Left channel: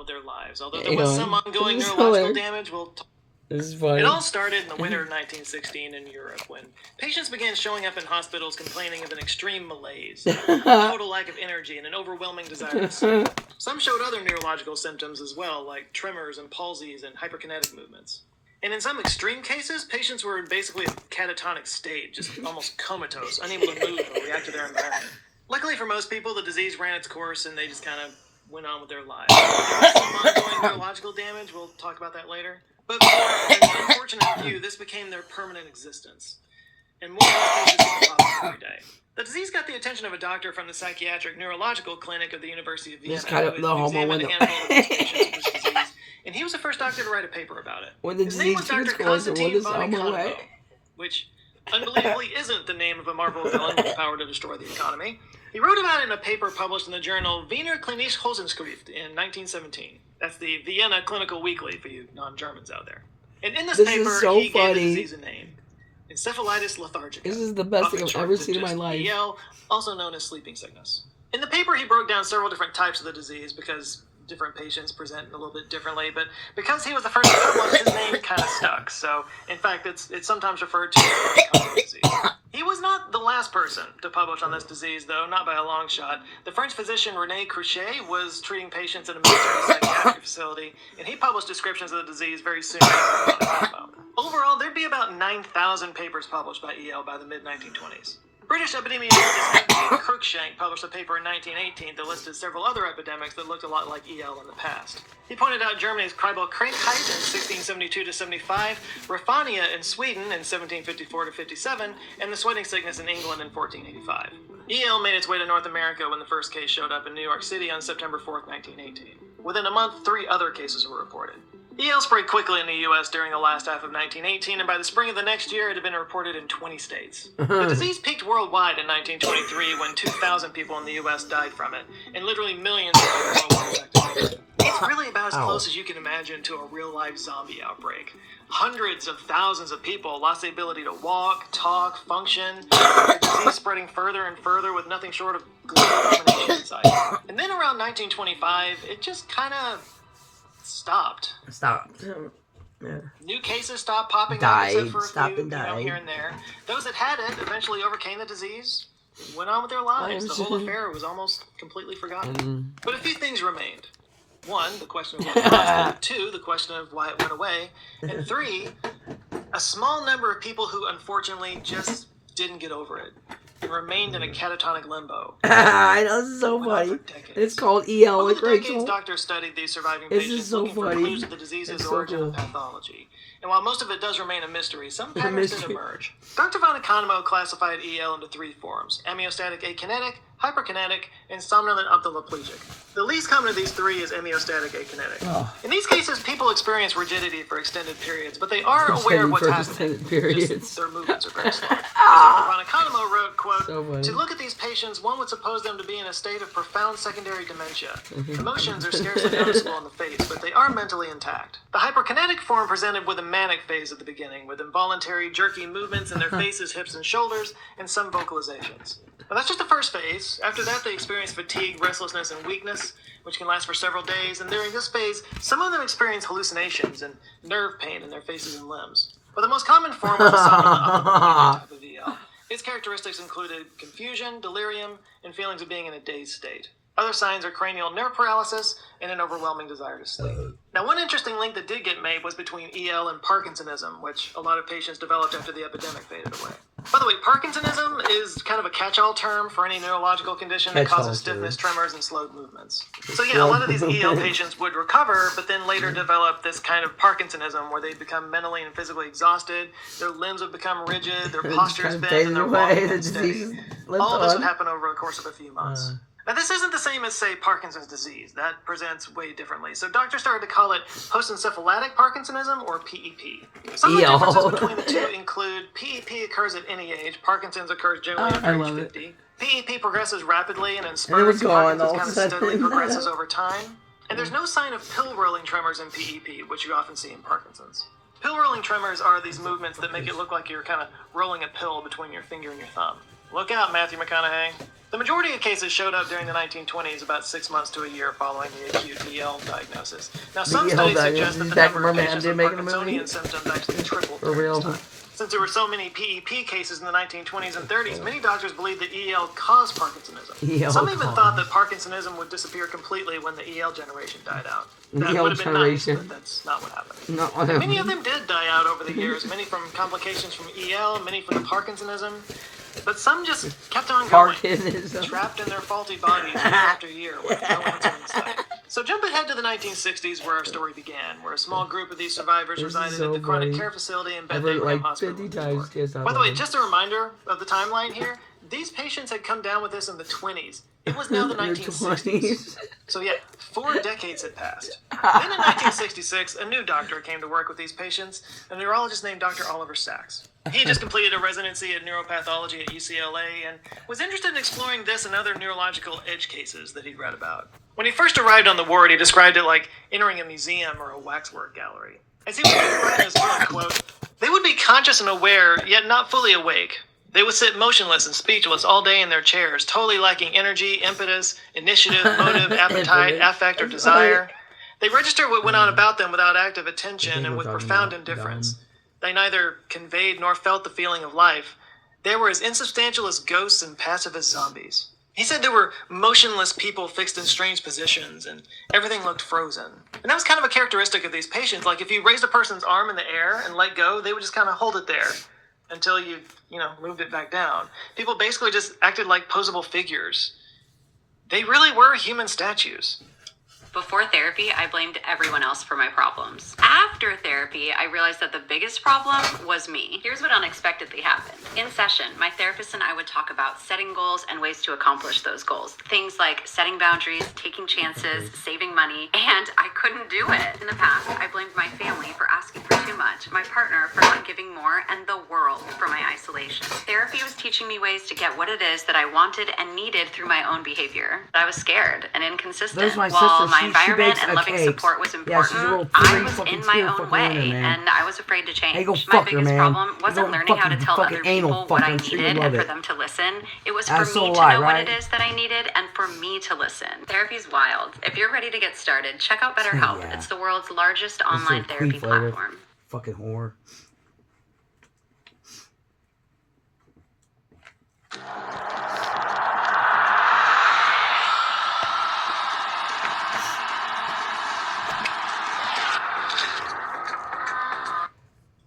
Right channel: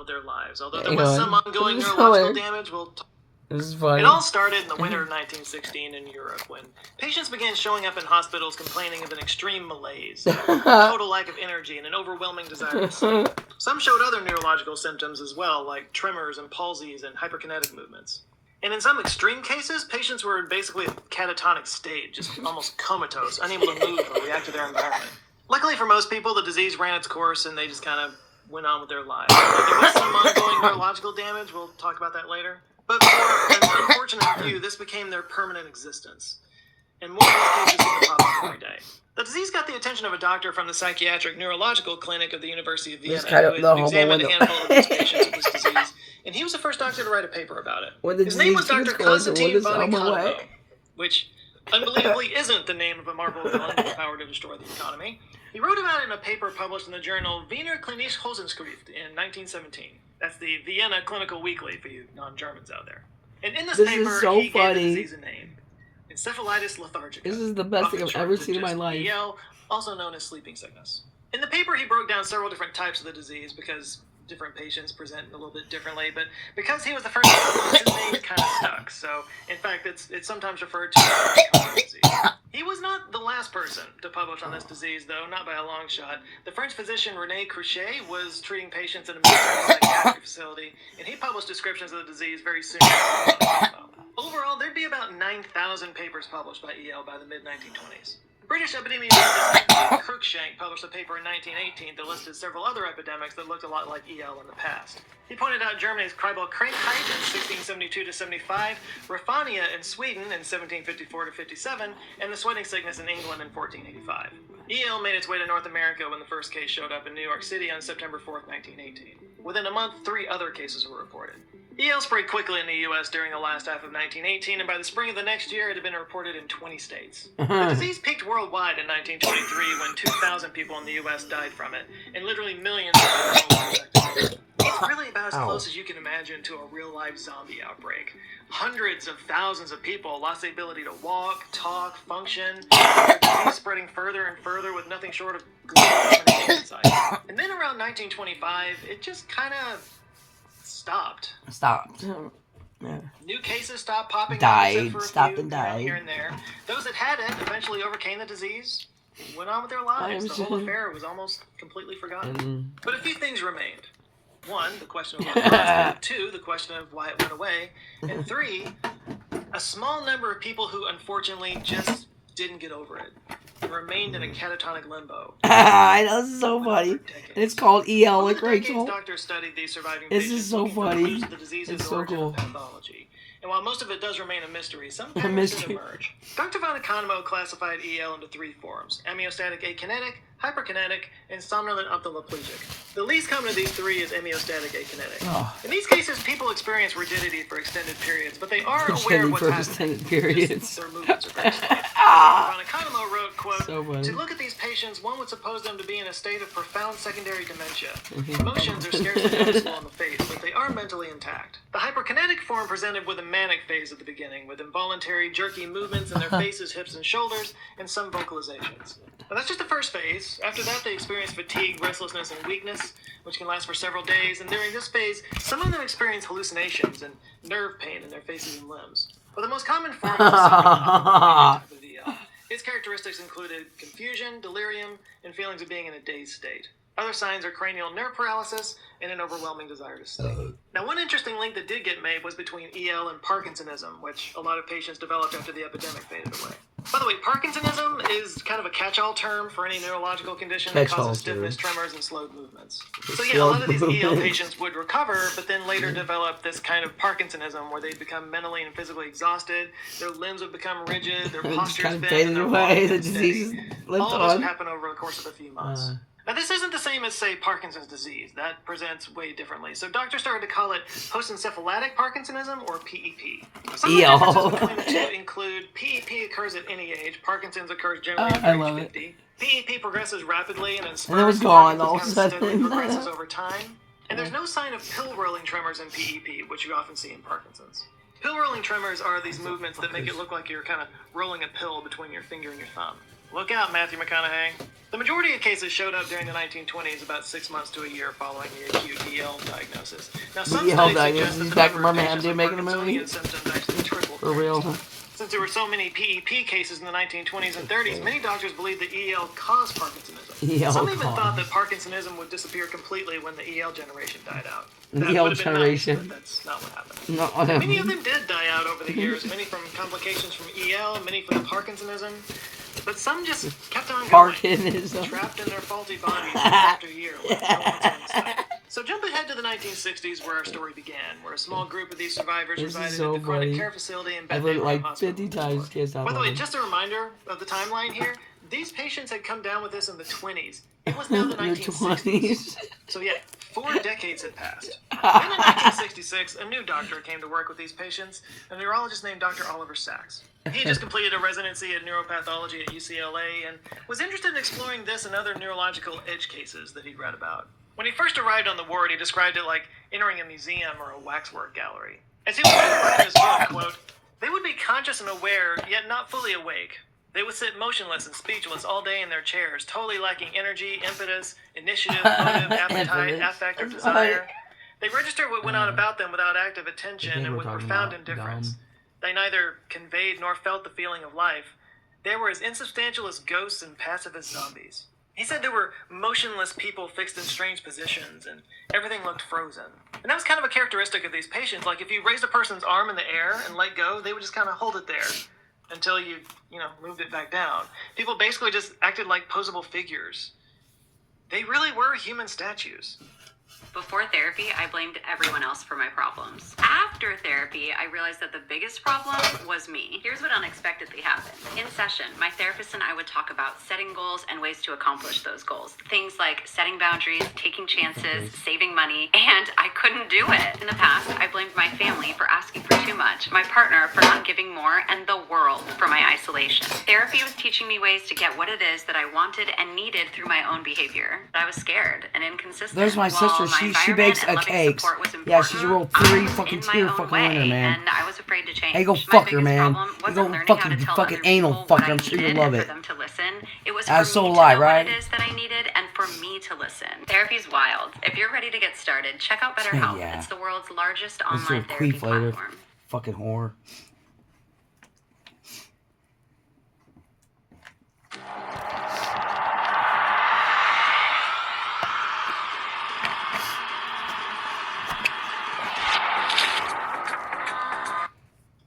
with their lives. Although there Hang was on. some ongoing This is neurological hilarious. damage, we'll This is funny. It all started in the winter of 1916 in Europe when patients began showing up in hospitals complaining of an extreme malaise, total lack of energy, and an overwhelming desire to sleep. Some showed other neurological symptoms as well, like tremors and palsies and hyperkinetic movements. And in some extreme cases, patients were in basically a catatonic state, just almost comatose, unable to move or react to their environment. Luckily for most people, the disease ran its course and they just kind of went on with their lives. There was some ongoing neurological damage, we'll talk about that later. But for an unfortunate few, this became their permanent existence. And more of these cases used to pop up every day. The disease got the attention of a doctor from the Psychiatric Neurological Clinic of the University of Vienna, It's kind of who the had homo examined a window. handful of these patients with this disease, and he was the first doctor to write a paper about it. When the His name was disease Dr. gets closer, what Konstantin is von homo Economo, what? which unbelievably isn't the name of a Marvel villain with the power to destroy the economy. He wrote about it in a paper published in the journal Wiener Klinische Hosenschrift in 1917. That's the Vienna Clinical Weekly for you non-Germans out there. And in this paper, is so he funny. gave the disease a name. Encephalitis lethargica. This is the best thing often I've shortened ever to seen in my just life. EL, also known as sleeping sickness. In the paper, he broke down several different types of the disease because different patients present a little bit differently, but because he was the first to publish, his name kind of stuck. So, in fact, it's sometimes referred to as the common disease. He was not the last person to publish on this disease, though, not by a long shot. The French physician René Cruchet was treating patients in a military psychiatric facility, and he published descriptions of the disease very soon after the Overall, there'd be about 9,000 papers published by EL by the mid-1920s. British epidemiologist Ian Cruikshank published a paper in 1918 that listed several other epidemics that looked a lot like EL in the past. He pointed out Germany's Kreibel-Krankheit in 1672-75, Raffania in Sweden in 1754-57, and the sweating sickness in England in 1485. EL made its way to North America when the first case showed up in New York City on September 4th, 1918. Within a month, 3 other cases were reported. EL spread quickly in the U.S. during the last half of 1918, and by the spring of the next year, it had been reported in 20 states. The disease peaked worldwide in 1923 when 2,000 people in the U.S. died from it, and literally millions of people were infected. It's really about as close as you can imagine to a real-life zombie outbreak. Hundreds of thousands of people lost the ability to walk, talk, function, the disease spreading further and further with nothing short of global domination in sight. And then around 1925, it just kind of stopped. Yeah. New cases stopped popping up Died, except for a stopped few, and died. here and there. Those that had it eventually overcame the disease, went on with their lives. The whole affair was almost completely forgotten. But a few things remained. 1, the question of what caused it. 2, the question of why it went away. And 3, a small number of people who unfortunately just didn't get over it and remained in a catatonic limbo. I know, this is so funny. It's called EL, Over like the decades, Rachel. doctors studied these surviving This patients is so looking for funny. clues of the disease's It's so origin cool. and pathology. And while most of it does remain a mystery, some patterns did mystery. emerge. Dr. von Economo classified EL into 3 forms: amniostatic akinetic, hyperkinetic, and somnolent ophthalmoplegic. The least common of these 3 is amniostatic akinetic. Oh. In these cases, people experience rigidity for extended periods, but they are aware of what's for happening. extended periods. Just their movements are very slow. Dr. von Economo wrote, quote, So funny. "To look at these patients, one would suppose them to be in a state of profound secondary dementia. Emotions are scarcely noticeable on the face, but they are mentally intact. The hyperkinetic form presented with a manic phase at the beginning, with involuntary, jerky movements in their faces, hips, and shoulders, and some vocalizations. But that's just the first phase. After that, they experience fatigue, restlessness, and weakness, which can last for several days. And during this phase, some of them experience hallucinations and nerve pain in their faces and limbs. But the most common form was the somnolent type of EL. Its characteristics included confusion, delirium, and feelings of being in a dazed state. Other signs are cranial nerve paralysis and an overwhelming desire to sleep. Now, one interesting link that did get made was between EL and Parkinsonism, which a lot of patients developed after the epidemic faded away. By the way, Parkinsonism is kind of a catch-all term for any neurological condition that Catch-all causes stiffness, term. tremors, and slowed movements. So yeah, a lot of these EL patients would recover, but then later develop this kind of Parkinsonism where they become mentally and physically exhausted, their limbs would become rigid, their It just posture kind is of bent, and faded their away. walking The unsteady. disease lived All of this would on. happen over the course of a few months. Now, this isn't the same as, say, Parkinson's disease. That presents way differently. So doctors started to call it post-encephalitic Parkinsonism, or PEP. Some of the differences between the two include PEP occurs at any age. Parkinson's occurs generally I under love age it. 50. PEP progresses rapidly, and in it spurts, was gone all of a Parkinson's kind of steadily sudden. progresses over time. And there's no sign of pill-rolling tremors in PEP, which you often see in Parkinson's. Pill-rolling tremors are these movements that make it look like you're kind of rolling a pill between your finger and your thumb. Look out, Matthew McConaughey. The majority of cases showed up during the 1920s, about 6 months to a year following the acute EL diagnosis. Now, some EL studies diagnosis, suggest that the back number of from patients Birmingham, with making a movie? Parkinsonian symptoms actually tripled For during this real. time. Since there were so many PEP cases in the 1920s and 30s, many doctors believed that EL caused Parkinsonism. EL Some even caused. thought that Parkinsonism would disappear completely when the EL generation died out. That EL would have been nice, generation. but that's not what happened. No, Many of them did die out over the years, many from complications from EL, many from the Parkinsonism, but some just kept on going, Parkinsonism. trapped in their faulty bodies year after year, with no answering sign. So jump ahead to the 1960s, where our story began, where a small group of these survivors This is resided so at the chronic funny. care facility in I've Beth heard it Abraham like Hospital 50 in New times. York. Kids out By the way, there. just a reminder of the timeline here, these patients had come down with this in the 20s. It was now the In the 1960s. So yeah, 4 decades had passed. Then in 1966, a new doctor came to work with these patients, a neurologist named Dr. Oliver Sacks. He just completed a residency in neuropathology at UCLA and was interested in exploring this and other neurological edge cases that he'd read about. When he first arrived on the ward, he described it like entering a museum or a waxwork gallery. As he would in his book, quote, "They would be conscious and aware, yet not fully awake. They would sit motionless and speechless all day in their chairs, totally lacking energy, impetus, initiative, motive, appetite, Impetus. affect, or desire. They registered what went on about them without active attention and we're with talking profound about indifference. dumb. They neither conveyed nor felt the feeling of life. They were as insubstantial as ghosts and passive as zombies." He said there were motionless people fixed in strange positions, and everything looked frozen. And that was kind of a characteristic of these patients. Like, if you raised a person's arm in the air and let go, they would just kind of hold it there until you moved it back down. People basically just acted like posable figures. They really were human statues. Before therapy, I blamed everyone else for my problems. After therapy, I realized that the biggest problem was me. Here's what unexpectedly happened. In session, my therapist and I would talk about setting goals and ways to accomplish those goals. Things like setting boundaries, taking chances, saving money, and I couldn't do it. In the past, I blamed my family for asking for too much, my partner for not giving more, and the world for my isolation. Therapy was teaching me ways to get what it is that I wanted and needed through my own behavior. But I was scared and inconsistent. There's my While sister. my She environment bakes and a loving cake. support was Yeah, she's a real important, I pretty was fucking in my tear own fucking way, winner, man. and I was afraid to change. Hey, go My fuck her, biggest man. problem You wasn't don't learning how to fucking tell fucking other anal people fuck, what I I'm sure you needed love and it. for them to listen. It was That's for so me to lie, know right? what it is that I needed and for me to listen. Therapy's wild. If you're ready to get started, check out BetterHelp. Yeah. It's the world's largest This is online a therapy queef later. platform. Fucking whore.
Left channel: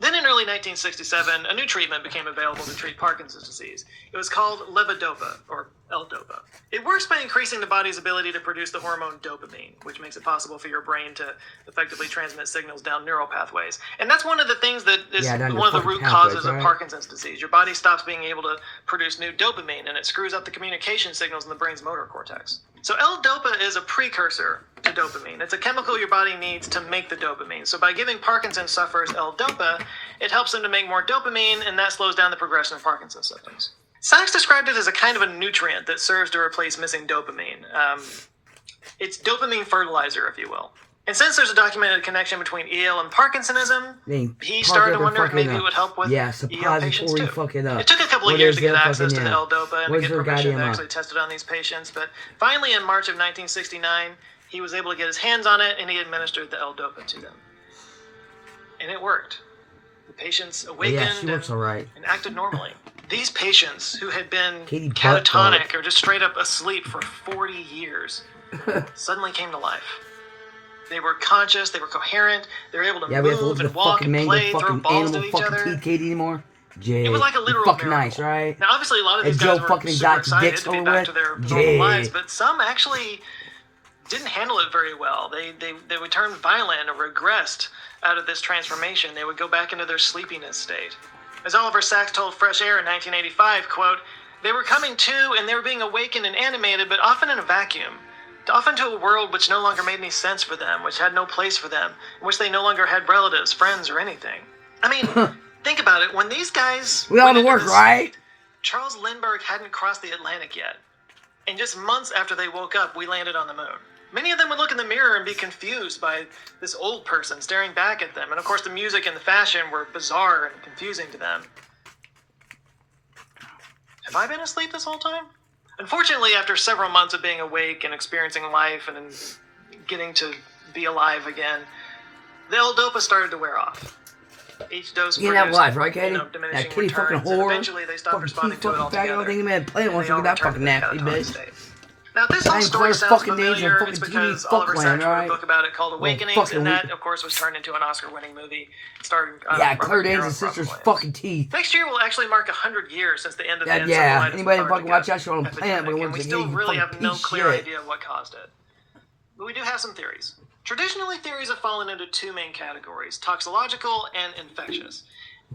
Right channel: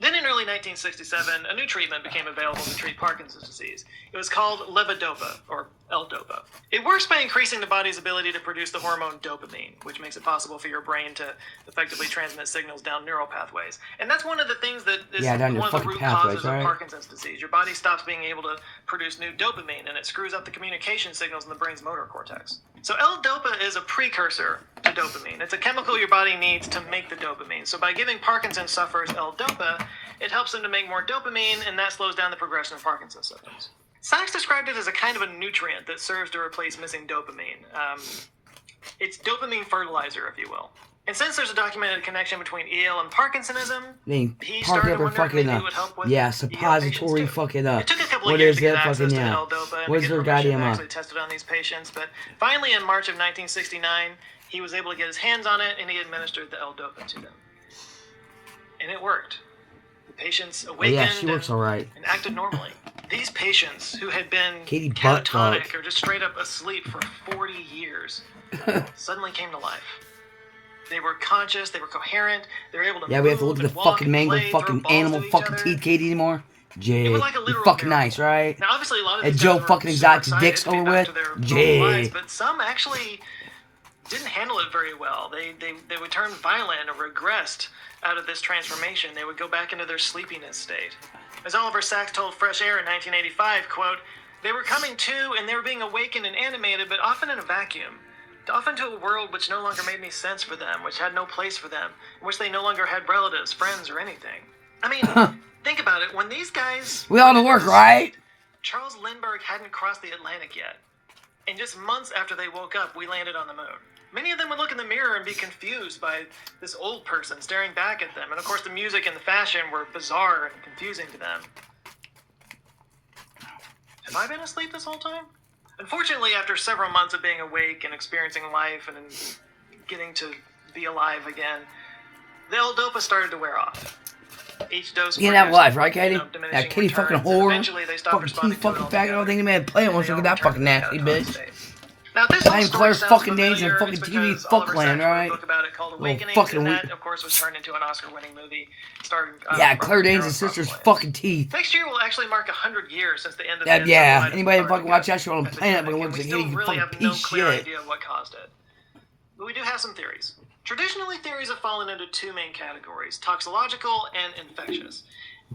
Then in early 1967, a new treatment became available to treat Parkinson's disease. It was called levodopa, or L-Dopa. It works by increasing the body's ability to produce the hormone dopamine, which makes it possible for your brain to effectively transmit signals down neural pathways. And that's one of the things that is down your one of the fucking root pathways, causes right? of Parkinson's disease. Your body stops being able to produce new dopamine, and it screws up the communication signals in the brain's motor cortex. So L-Dopa is a precursor to dopamine. It's a chemical your body needs to make the dopamine. So by giving Parkinson's sufferers L-Dopa, it helps them to make more dopamine, and that slows down the progression of Parkinson's symptoms. Sachs described it as a kind of a nutrient that serves to replace missing dopamine. It's dopamine fertilizer, if you will. And since there's a documented connection between EL and Parkinsonism, he started to wonder if maybe it would help with yeah, EL suppository patients too. fucking up. It took a couple of What years is to get that access fucking, to the yeah. L-Dopa and What's to their get permission to goddamn actually test it on these patients. But finally, in March of 1969, he was able to get his hands on it, and he administered the L-Dopa to them. And it worked. The patients awakened Yeah, she works alright. and acted normally. These patients who had been Katie butt catatonic fuck. or just straight up asleep for 40 years suddenly came to life. They were conscious, they were coherent, they were able to Yeah, move we have to look at and the walk fucking and mangled play, throw fucking balls animal to each fucking other. teeth, Katie, anymore. Jay, It was like a you're literal fucking miracle. nice, right? Now, obviously, a lot of Hey, these Joe guys were fucking super exotic excited dicks to be over back with? to their normal Jay. lives, but some actually didn't handle it very well. They would turn violent or regressed out of this transformation. They would go back into their sleepiness state. As Oliver Sacks told Fresh Air in 1985, quote, "They were coming to and they were being awakened and animated, but often in a vacuum. Often to a world which no longer made any sense for them, which had no place for them, in which they no longer had relatives, friends, or anything." I mean, think about it. When these guys... We all went to into work, this- right? Charles Lindbergh hadn't crossed the Atlantic yet. And just months after they woke up, we landed on the moon. Many of them would look in the mirror and be confused by this old person staring back at them. And of course, the music and the fashion were bizarre and confusing to them. Have I been asleep this whole time? Unfortunately, after several months of being awake and experiencing life and getting to be alive again, the L-Dopa started to wear off. Each dose You have produced, life, right, Katie? diminishing That Katie fucking returns, and whore. eventually they stopped Fucking responding Keith to it fucking faggot. I don't altogether. think the man playing wants to look at that They all fucking nasty returned to the bitch. catatonic state. Now, this whole Ain't story Claire sounds fucking Danger familiar. fucking It's TV because Oliver fuckland, Sacks wrote right? a book about it called Well, Awakenings, fucking and that, weird. of course, was turned into an Oscar-winning movie starring Yeah, Robert Claire De Niro Danes' sister's probably. fucking teeth. Next year will actually mark 100 years since the end of the Yeah, encephalitis anybody with fucking watch Antarctica that show on the planet epidemic, fucking and looks we like still Katie really fucking have no piece clear shit. idea of what caused it. But we do have some theories. Traditionally, theories have fallen into two main categories, toxicological and infectious.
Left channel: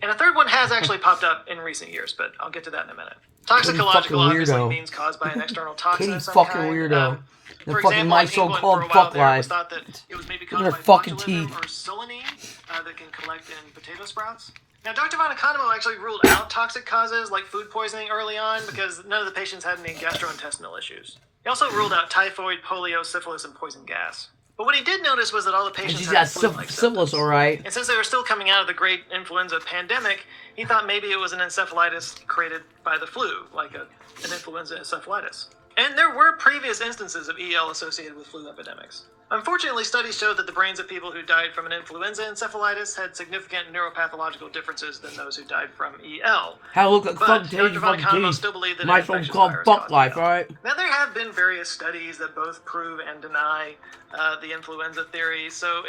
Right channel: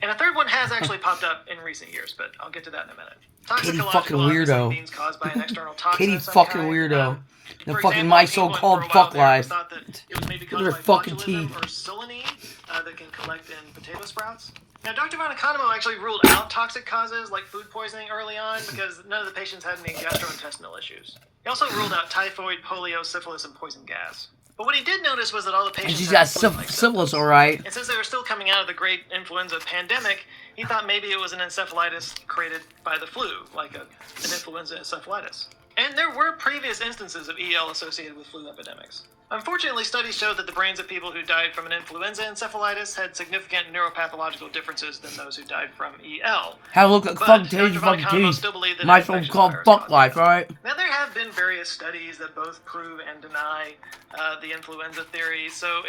And a third one has actually popped up in recent years, but I'll get to that in a minute. fucking Toxicological obviously weirdo. means caused by an external toxin Katie of some fucking kind. weirdo. The For fucking example, my in England, so-called for a while fuck there, it was life. thought that it was maybe Look caused at by her fucking botulism teeth. or solanine that can collect in potato sprouts. Now, Dr. Von Economo actually ruled out toxic causes like food poisoning early on because none of the patients had any gastrointestinal issues. He also ruled out typhoid, polio, syphilis, and poison gas. But what he did notice was that all the And patients she's had got flu-like syphilis, symptoms. alright. And since they were still coming out of the great influenza pandemic, he thought maybe it was an encephalitis created by the flu, like an influenza encephalitis. And there were previous instances of EL associated with flu epidemics. Unfortunately, studies showed that the brains of people who died from an influenza encephalitis had significant neuropathological differences than those who died from EL. How look like But fucking Dr. Katie Von fucking Economo teeth. still believed that My an infectious so-called virus fuck caused life, EL. alright? Now, there have been various studies that both prove and deny the influenza theory, so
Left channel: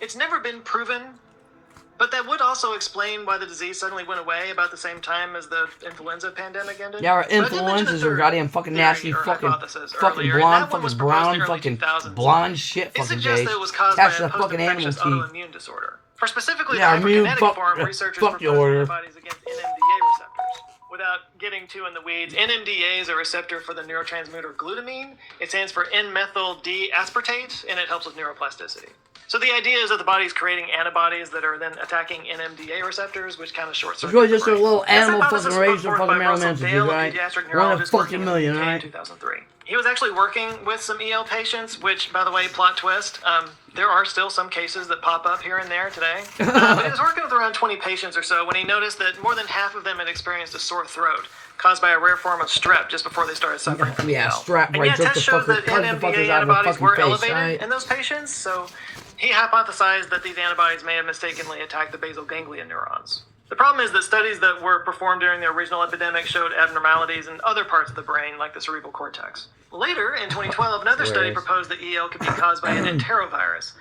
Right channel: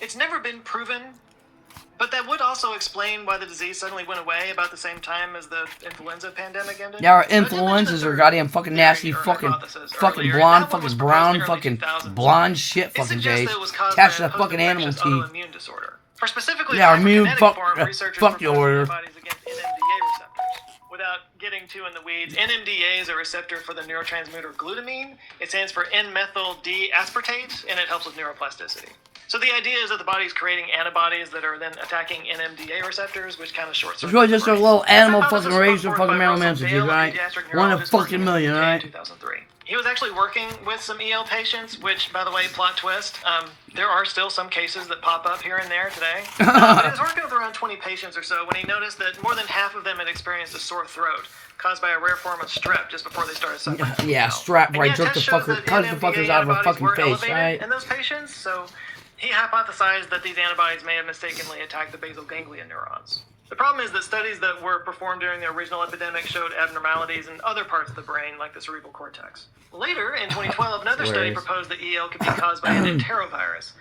it's never been proven. But that would also explain why the disease suddenly went away about the same time as the influenza pandemic ended. Yeah, our So I did mention the influenzas are third goddamn fucking nasty, theory or fucking hypothesis fucking earlier, and blonde, that one was fucking proposed brown, in the early fucking 2000s. blonde shit, It fucking suggests Jace. that it was caused by Attached to a that fucking animal post-infectious teeth. autoimmune disorder. For specifically Yeah, the immune hyperkinetic fuck- form, researchers fuck your proposed order. antibodies against NMDA receptors. Without getting too in the weeds, NMDA is a receptor for the neurotransmitter glutamine. It stands for N-methyl D-aspartate, and it helps with neuroplasticity. So the idea is that the body's creating antibodies that are then attacking NMDA receptors, which kind of short-circuit It's really just the a brain. little This animal hypothesis fucking was raised put for forth fucking by Marilyn Russell Manson, Dale, a right? pediatric One in a neurologist fucking working in million, the UK in right? 2003. He was actually working with some EL patients, which, by the way, plot twist, there are still some cases that pop up here and there today. But he was working with around 20 patients or so when he noticed that more than half of them had experienced a sore throat caused by a rare form of strep just before they started suffering from Yeah, EL. strap And right, yet, jerk the tests showed fucker, that cut the NMDA fuckers out of a antibodies fucking were face, elevated right? in those patients, so he hypothesized that these antibodies may have mistakenly attacked the basal ganglia neurons. The problem is that studies that were performed during the original epidemic showed abnormalities in other parts of the brain, like the cerebral cortex. Later, in 2012, another study Hilarious. proposed that EL could be caused by an enterovirus,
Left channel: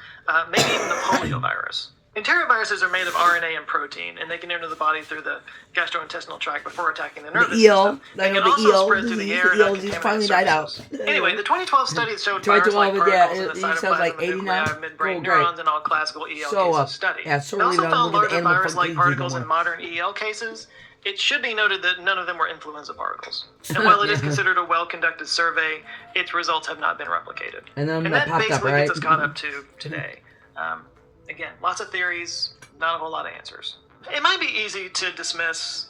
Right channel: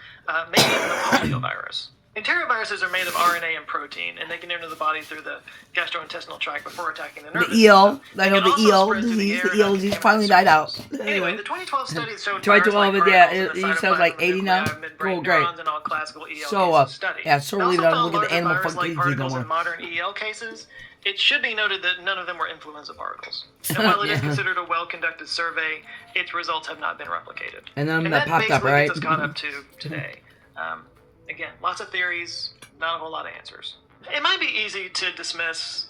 maybe even the poliovirus. Enteroviruses are made of RNA and protein, and they can enter the body through the gastrointestinal tract before attacking the nervous The EL, system. I They know can the also EL spread through the disease, air the EL and disease contaminate finally died out. surfaces. Anyway, the 2012 studies showed Try to virus-like all of it, yeah, particles in the it sounds like cytoplasm of the 80 now. nuclei of midbrain Cool, great. neurons in all classical EL So, cases studied. yeah, so They really also don't found look at the larger animal virus-like fucking disease no particles more. in modern EL cases. It should be noted that none of them were influenza particles. And while it is Yeah. considered a well-conducted survey, its results have not been replicated. And then And that that popped up, basically right? gets us caught up to today. Again, lots of theories, not a whole lot of answers. It might be easy to dismiss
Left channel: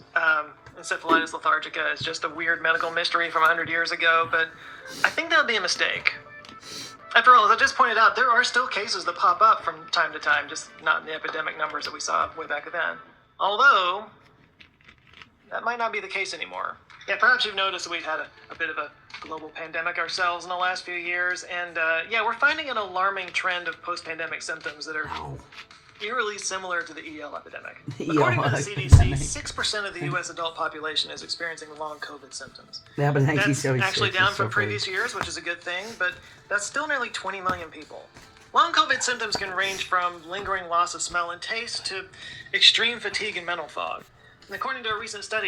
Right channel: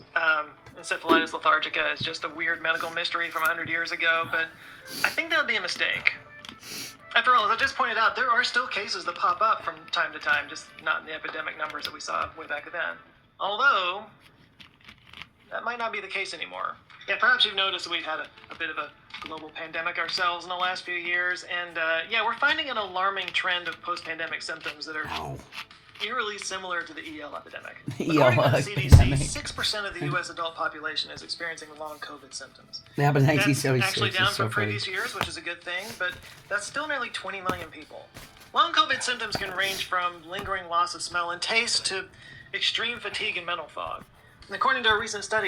encephalitis lethargica as just a weird medical mystery from 100 years ago, but I think that would be a mistake. After all, as I just pointed out, there are still cases that pop up from time to time, just not in the epidemic numbers that we saw way back then. Although, that might not be the case anymore. Yeah, perhaps you've noticed that we've had a bit of a global pandemic ourselves in the last few years, and yeah, we're finding an alarming trend of post-pandemic symptoms that are Ow. eerily similar to the EL epidemic. EL According to the CDC, epidemic. 6% of the U.S. adult population is experiencing long COVID symptoms. It happened in That's 1976. actually down It's so from funny. previous years, which is a good thing, but that's still nearly 20 million people. Long COVID symptoms can range from lingering loss of smell and taste to extreme fatigue and mental fog. And according to a recent study,